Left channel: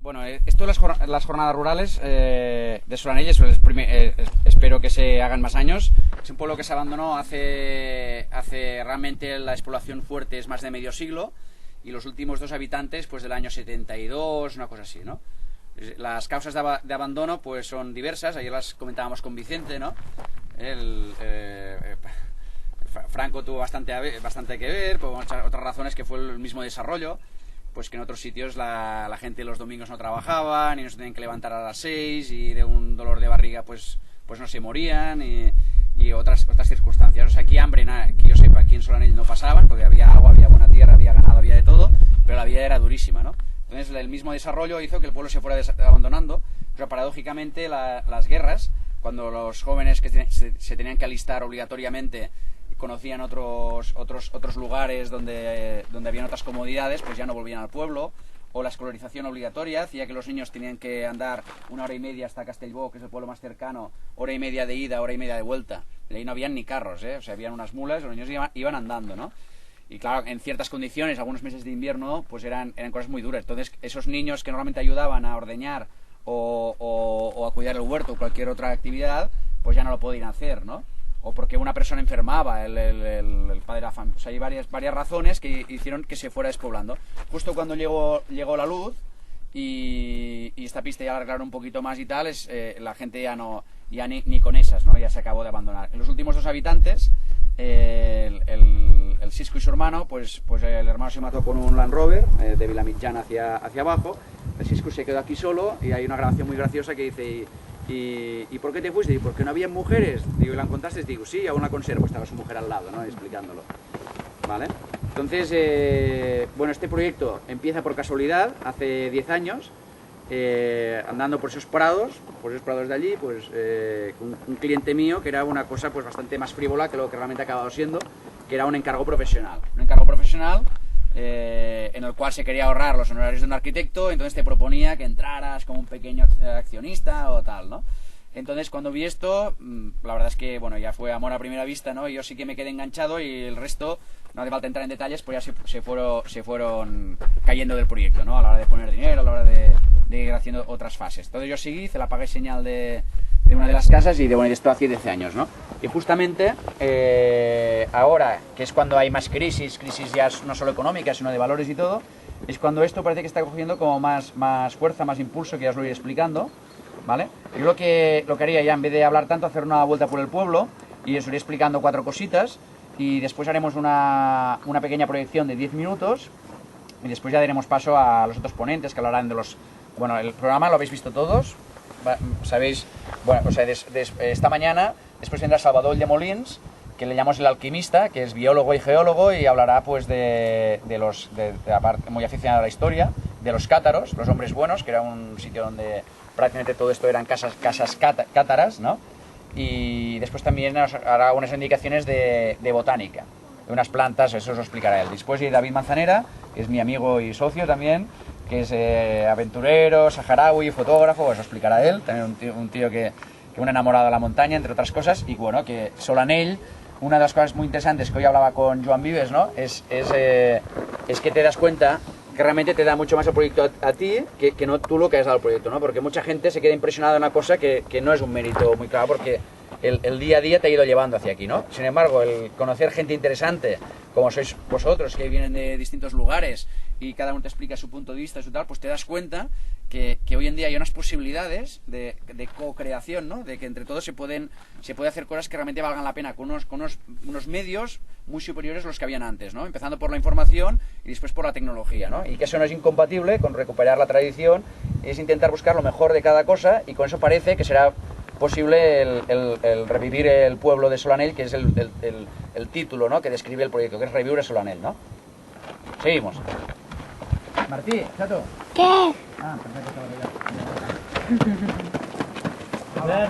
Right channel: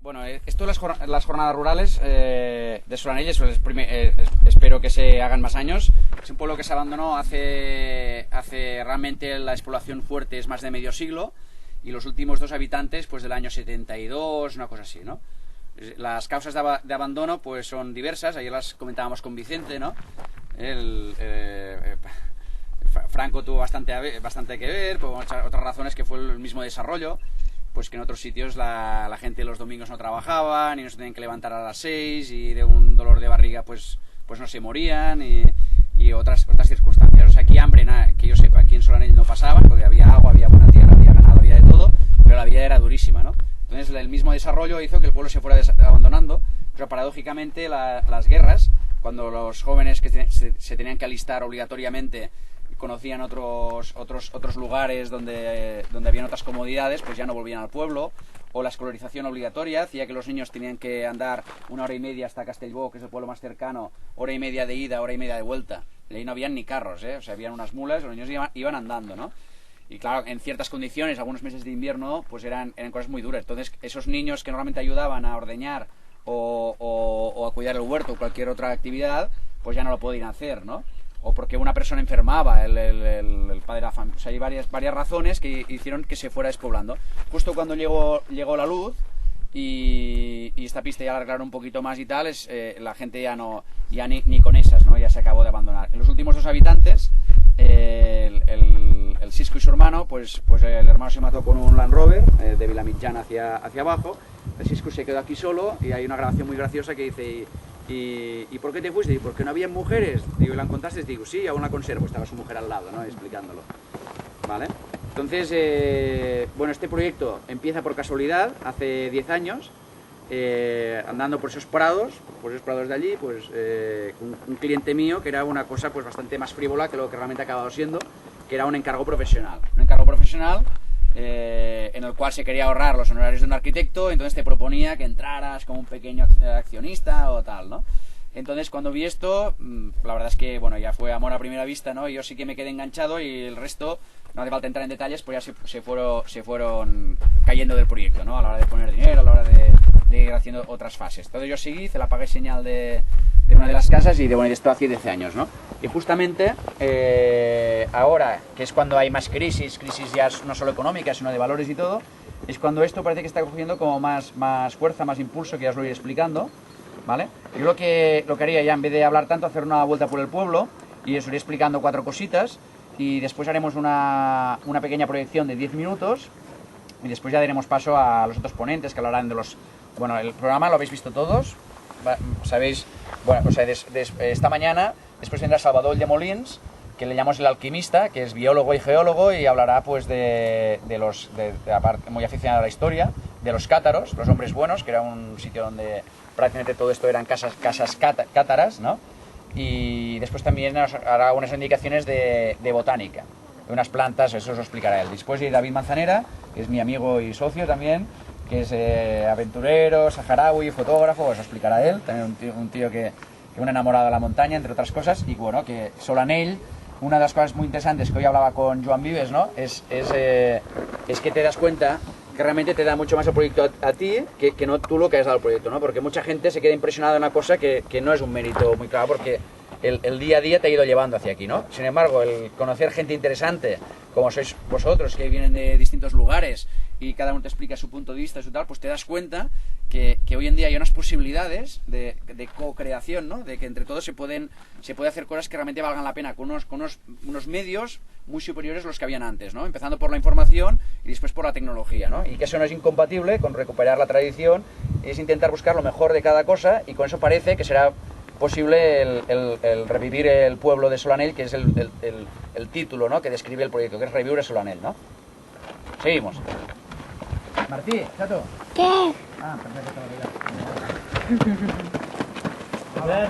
Bueno, esto de las jornadas rurales de Solanell espero que se hagan más años. Es un pueblo que se abandonó hace realmente la explotación fuerte es más de medio siglo, y los últimos 2 habitantes pues del año 72, una cosa así, ¿no? Las causas de abandono pues son diversas. Ayer las comentábamos con Vicente, ¿no? Franco tuvo bastante que ver, por otras razones que fue el mismo desarrollo. Pues que en otros sitios la gente los domingos no trabajaban y no se tenían que levantar a las 6 y de un dolor de barriga pues no se morían y otras circunstancias. O sea, aquí hambre, que yo sepa, aquí en Solanell no pasaban, porque había agua, había buena tierra, había ganado, había de todo, pero la vida era durísima, ¿no? Entonces el mismo desarrollo hizo que el pueblo se fuera abandonando. Pero paradójicamente las guerras, cuando los jóvenes que se tenían que alistar obligatoriamente conocían otros lugares donde habían otras comodidades, pues ya no volvían al pueblo. O la escolarización obligatoria hacía que los niños tenían que andar 1 hora y media hasta Castellbó, que es el pueblo más cercano, 1 hora y media de ida, 1 hora y media de vuelta. Y ahí no habían ni carros, o sea, habían unas mulas, los niños iban andando, ¿no? Y claro, en ciertas condiciones, algunos meses de invierno, pues eran cosas muy duras. Entonces, esos niños que normalmente ayudaban a ordeñar o a cuidar el huerto o cualquier otra actividad, pues ya no lo podían hacer, ¿no? O porque una persona enfermaba, el padre de la familia. O sea, hay varias razones que hicieron que se fuera despoblando. Justo cuando llegó la luz y esta pista ya la arreglaron un poquito más y tal, la gente ya ni con esas, ¿no? Ya se acabó de abandonar. En los últimos 2 habitantes, el Sisco y su hermano, pues el hermano se mató con un Land Rover de Vilamitjana hacia abajo. El Sisco se quedó aquí solo y hay una grabación muy graciosa que dice... ¿Y por qué te fuiste? ¿Por qué no había mujeres? Digo, ¿y la encontraste? Digo, sí, aún la conservo, estaba su mujer al lado, ¿no? Explicándolo. ¿Vale? Entonces, bueno, este proyecto empieza por casualidad, hace 10 años, andando por esos prados de allí, pues un cliente mío, que era una cosa pues bastante más frívola que lo que realmente ha acabado siendo, que era un encargo profesional. Un encargo profesional en el cual se quería ahorrar los honorarios de un arquitecto, entonces te proponía que entraras como un pequeño accionista o tal, ¿no? Entonces cuando vi esto, la verdad es que bueno, ya fue amor a primera vista, ¿no? Y yo sí que me quedé enganchado y el resto, no hace falta entrar en detalles, pues ya se fueron cayendo del proyecto, ¿no? A la hora de poner dinero, a la hora de ir haciendo otras fases. Entonces yo seguí, hice la paga y señal de una de las casas y de esto hace 10 años, ¿no? Y justamente ahora, que es cuando hay más crisis ya no solo económicas, sino de valores y todo, es cuando esto parece que está cogiendo como más fuerza, más impulso, que ya os lo iré explicando, ¿vale? Yo lo que haría ya, en vez de hablar tanto, hacer una vuelta por el pueblo y os iré explicando 4 cositas y después haremos una pequeña proyección de 10 minutos y después ya daremos paso a los otros ponentes que hablarán de los... Bueno, el programa lo habéis visto todos, sabéis, bueno, o sea, esta mañana después vendrá Salvador de Molins, que le llamamos el alquimista, que es biólogo y geólogo y hablará pues de la parte muy aficionada a la historia, de los cátaros, los hombres buenos, que era un sitio donde prácticamente todo esto eran casas cátaras, ¿no? Y después también nos hará unas indicaciones de botánica, de unas plantas, eso os lo explicará él. Después de David Manzanera, que es mi amigo y socio también, que es aventurero, saharaui, fotógrafo, os lo explicará él, también un tío que un enamorado de la montaña, entre otras cosas, y bueno, que Solanell, una de las cosas muy interesantes que hoy hablaba con Joan Vives, ¿no? Es que te das cuenta que realmente te da mucho más el proyecto a ti que no tú lo que has dado al proyecto, ¿no? Porque mucha gente se queda impresionada de una cosa que no es un mérito muy claro, porque el día a día te ha ido llevando hacia aquí, ¿no? Sin embargo, el conocer gente interesante, como sois vosotros, que vienen de distintos lugares y cada uno te explica su punto de vista y su tal, pues te das cuenta que hoy en día hay unas posibilidades de co-creación, ¿no? De que entre todos se puede hacer cosas que realmente valgan la pena con unos medios muy superiores a los que habían antes, ¿no? Empezando por la información y después por la tecnología, ¿no? Y que eso no es incompatible con recuperar la tradición, es intentar buscar lo mejor de cada cosa y con eso parece que será posible el revivir el pueblo de Solanell, que es el título, ¿no? Que describe el proyecto, que es Revivir Solanell, ¿no? Seguimos. Martí, chato. ¿Qué? Ah, perfecto, estaba ya. A ver.